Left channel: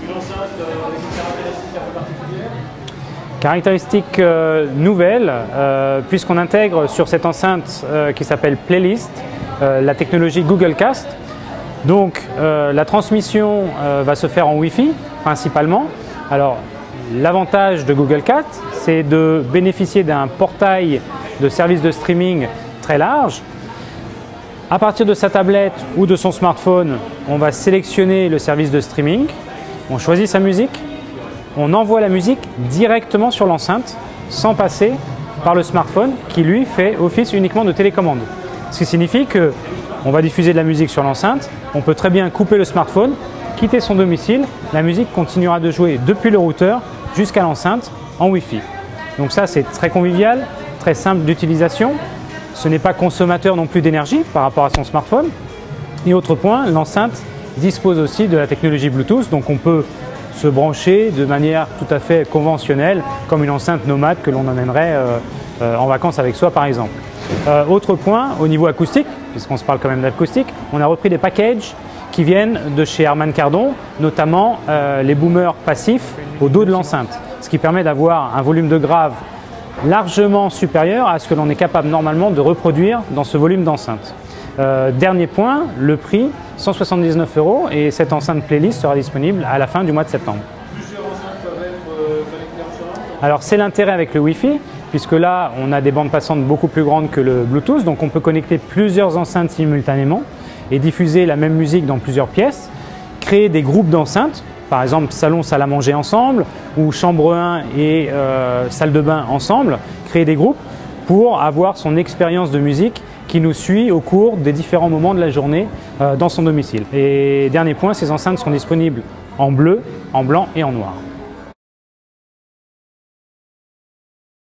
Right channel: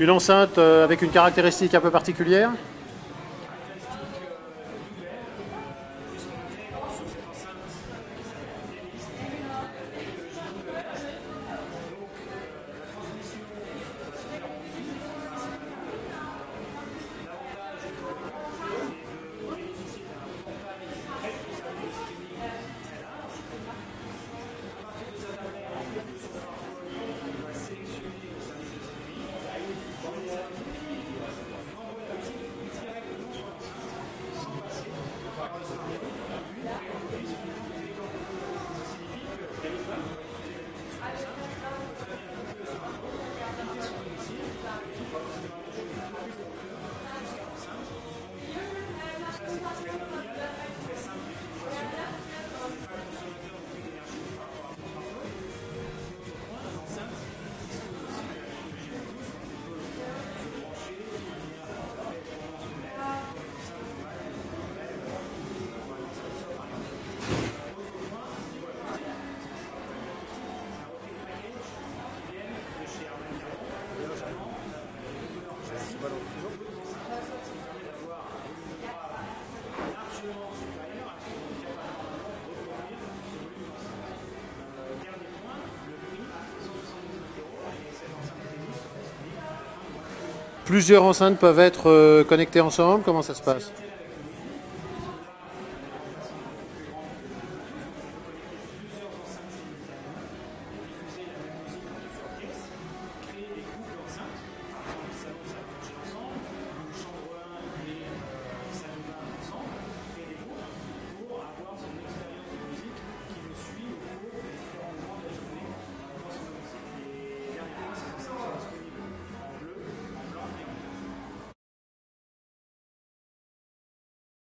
Une enceinte avec une caractéristique un peu particulière? Caractéristique nouvelle, puisqu'on intègre sur cette enceinte qui s'appelle Playlist, la technologie Google Cast. Donc la transmission va se faire en Wi-Fi principalement. Alors l'avantage de Google Cast, c'est de bénéficier d'un portail de services de streaming très large. À partir de sa tablette ou de son smartphone, on va sélectionner le service de streaming, on choisit sa musique, on envoie la musique directement sur l'enceinte sans passer par le smartphone qui lui fait office uniquement de télécommande. Ce qui signifie qu'on va diffuser de la musique sur l'enceinte, on peut très bien couper le smartphone, quitter son domicile, la musique continuera de jouer depuis le routeur jusqu'à l'enceinte en Wi-Fi. Donc ça c'est très convivial, très simple d'utilisation, ce n'est pas consommateur non plus d'énergie par rapport à son smartphone. Et autre point, l'enceinte dispose aussi de la technologie Bluetooth, donc on peut se brancher de manière tout à fait conventionnelle, comme une enceinte nomade que l'on emmènerait en vacances avec soi par exemple. Autre point, au niveau acoustique, puisqu'on se parle quand même d'acoustique, on a repris des packages qui viennent de chez Harman Kardon, notamment les boomers passifs au dos de l'enceinte, ce qui permet d'avoir un volume de grave largement supérieur à ce que l'on est capable normalement de reproduire dans ce volume d'enceinte. Dernier point, le prix, 179 € et cette enceinte Playlist sera disponible à la fin du mois de septembre. Plusieurs enceintes peuvent être connectées ensemble? Alors c'est l'intérêt avec le Wi-Fi, puisque là on a des bandes passantes beaucoup plus grandes que le Bluetooth, donc on peut connecter plusieurs enceintes simultanément et diffuser la même musique dans plusieurs pièces, créer des groupes d'enceintes, par exemple salon, salle à manger ensemble, ou chambre 1 et salle de bain ensemble, créer des groupes pour avoir son expérience de musique qui nous suit au cours des différents moments de la journée dans son domicile. Et dernier point, ces enceintes sont disponibles en bleu, en blanc et en noir.